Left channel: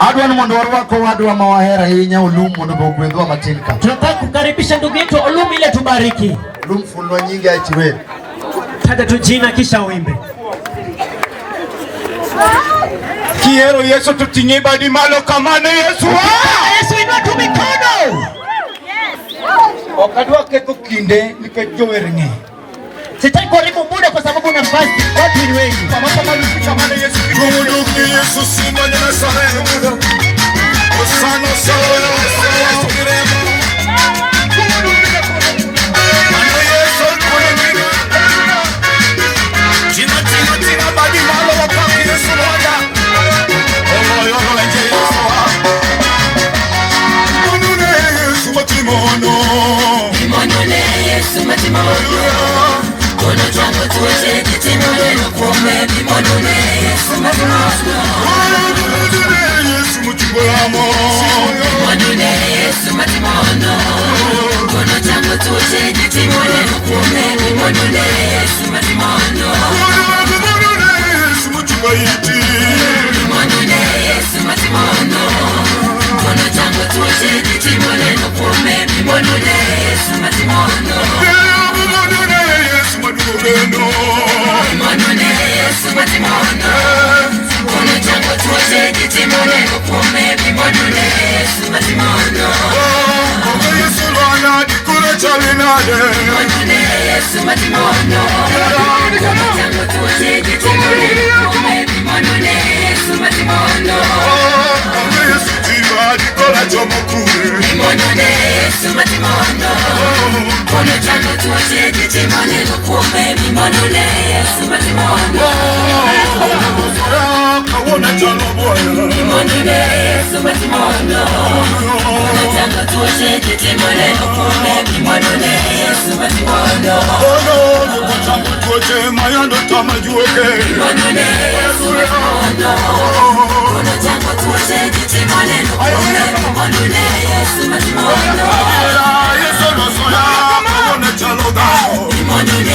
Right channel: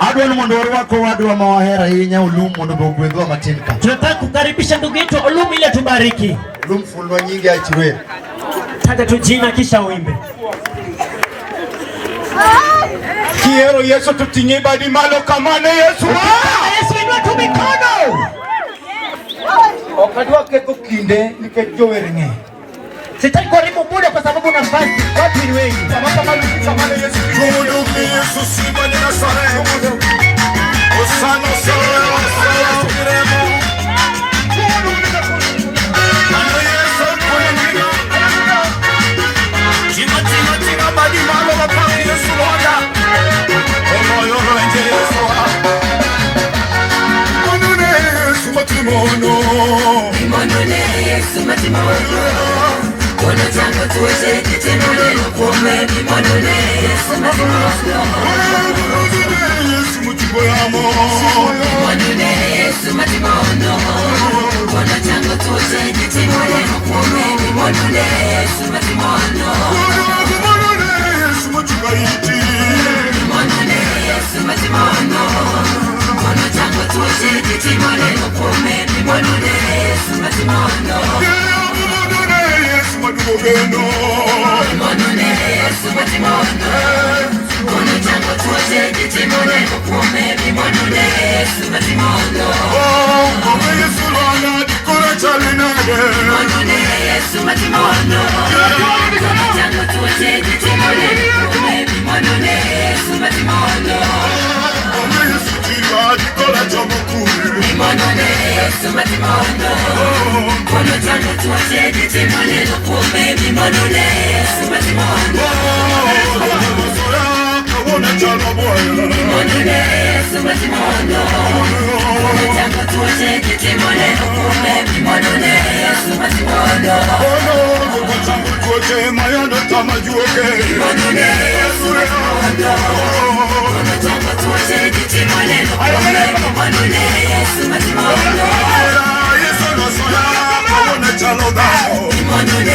Adwan mondoro wako wadu wa mawahera hinya ulumu nubogwedwa matilka. Tunataka kukaribisha ndugu yetu Olumu ile tubariki. Ulumu fulwa nyingi aichiwe. Taja tu jina kisha uimbe. Kiero Yesu tutinye badi malo kamane Yesu. Yesu inua tu mikono. Okadwa keko kinde nikejowerenge. Sitaki kuharibu muda kwa sababu na nafasi. Watu ni wengi. Kamane Yesu. Kumuduki Yesu simba ni nasarehe muda. Osano sawa sawa kirema. Kumuduki Yesu kumuduki. Tina badi malo wakaki Yesu wada. Omoyo nje Yesu. Onune Yesu matimono. Imonone Yesu matimono. Kono chango tuweze kitimone nukume. Imonone Yesu matimono. Yesu mutiboyamo. Imonone Yesu matimono. Kono chango tuweze kitimone nukume. Imonone Yesu matimono. Yesu mutibayiti. Imonone Yesu matimono. Kono chango tuweze kitimone nukume. Imonone Yesu matimono. Imonone Yesu matimono. Kono chango tuweze kitimone nukume. Imonone Yesu matimono. Yesu lwana dikura chalinade. Imonone Yesu matimono. Kono chango tuweze kitimone nukume. Imonone Yesu matimono. Yesu tiba dikura chomokure. Imonone Yesu matimono. Kono chango tuweze kitimone nukume. Imonone Yesu matimono. Imonone Yesu matimono. Kono chango tuweze kitimone nukume. Imonone Yesu matimono. Kono chango tuweze mayando tamajuoke. Imonone Yesu matimono. Kono chango tuweze kitimone nukume. Imonone Yesu matimono. Imonone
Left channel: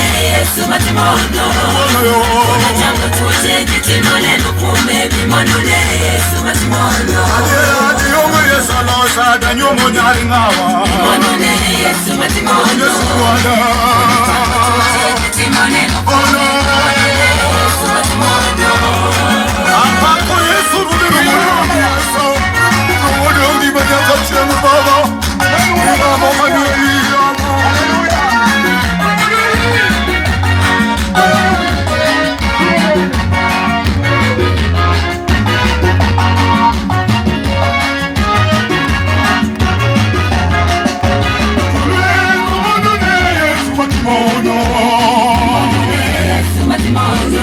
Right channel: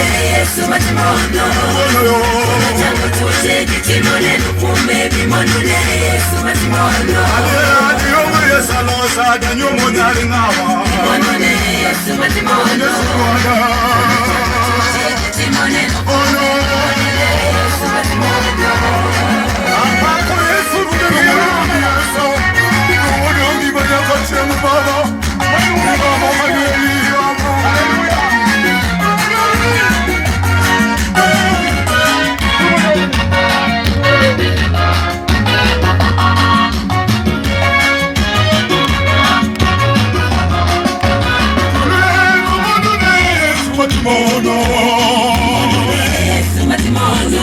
Yesu matimono.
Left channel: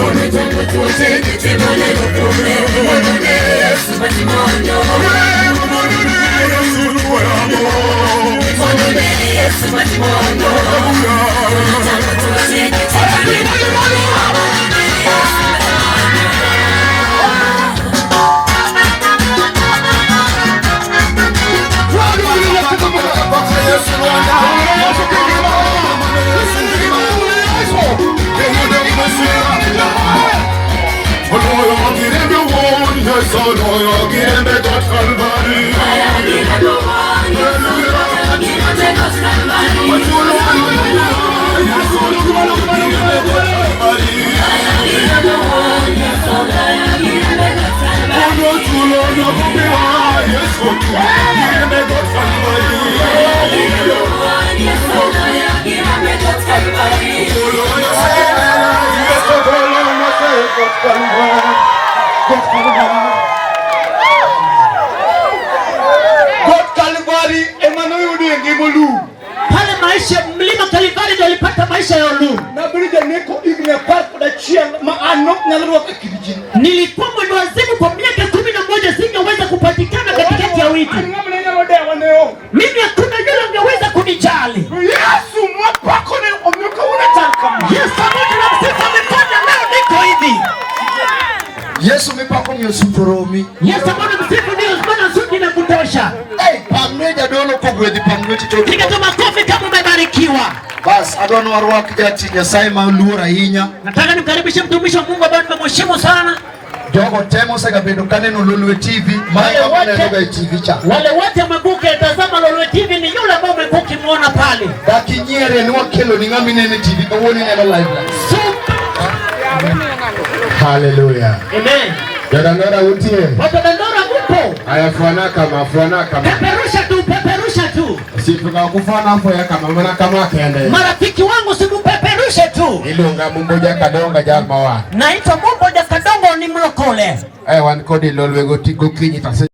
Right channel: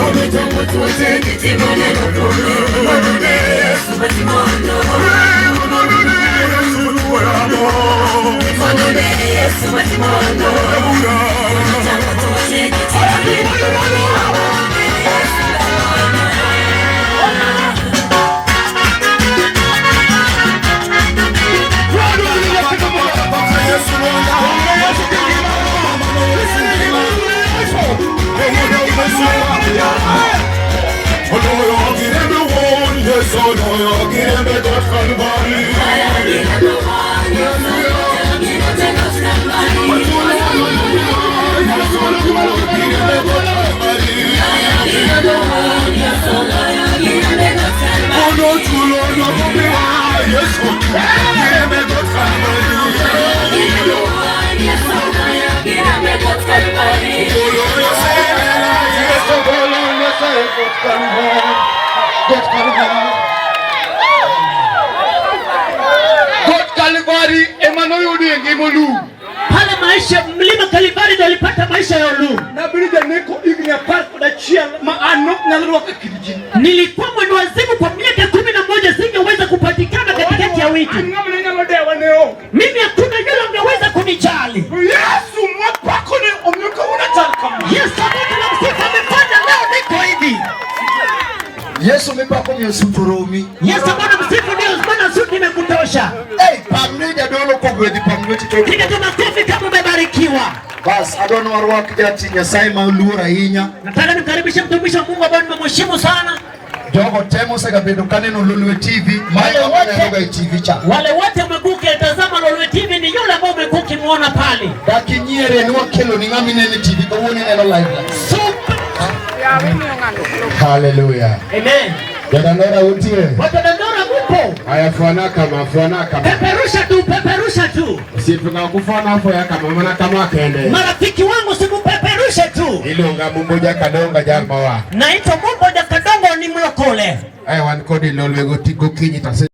Kono chango tuweze kitimone nukume. Imonone Yesu matimono. Imonone Yesu matimono. Kitimone nukume. Yesu matimono. Pale maisha mlima Kalvari ndio alipata maisha ya Olumu. Nilikuwa mwendo wazimu kwa miaka 11, singeweza kupatikana katikati ya wiki. Mimi hakuna yule angeweza kunijali. Yesu mwapako ni omyoka unataka. Yesu anamsifu amefanya leo niko hivi. Yesu mwapako ni Yesu toromi. Yesu anamsifu ndio maana suki na kutosha. Pamneja dono kugwedi pamneti to. Piga tu makofi kama umebarikiwa. Bas adono warwak jati Nyasaye malura hinya. Nataka nimkaribishe mtumishi wa Mungu ambaye nimemheshimu sana. Jogo temo sega bedo kaneno Lolwe TV. Wale wote makuke tazama Lolwe TV ni yule ambao umekuki muona pale. Dakinyere ni wakelo ni ngami nene TV kwa woni neno live. Super. Hallelujah. Amen. Jadandora utie. Jadandora upo. Ayafuana kama. Peperusha tu. Usituka kufana hapo ya kama kende. Marafiki wangu simupeperushe tu. Ilunga mumboja kadonga jalma wa. Naitwa mumboja kadongo ni mlokole. Wan kodi Lolwe gokinyi tase.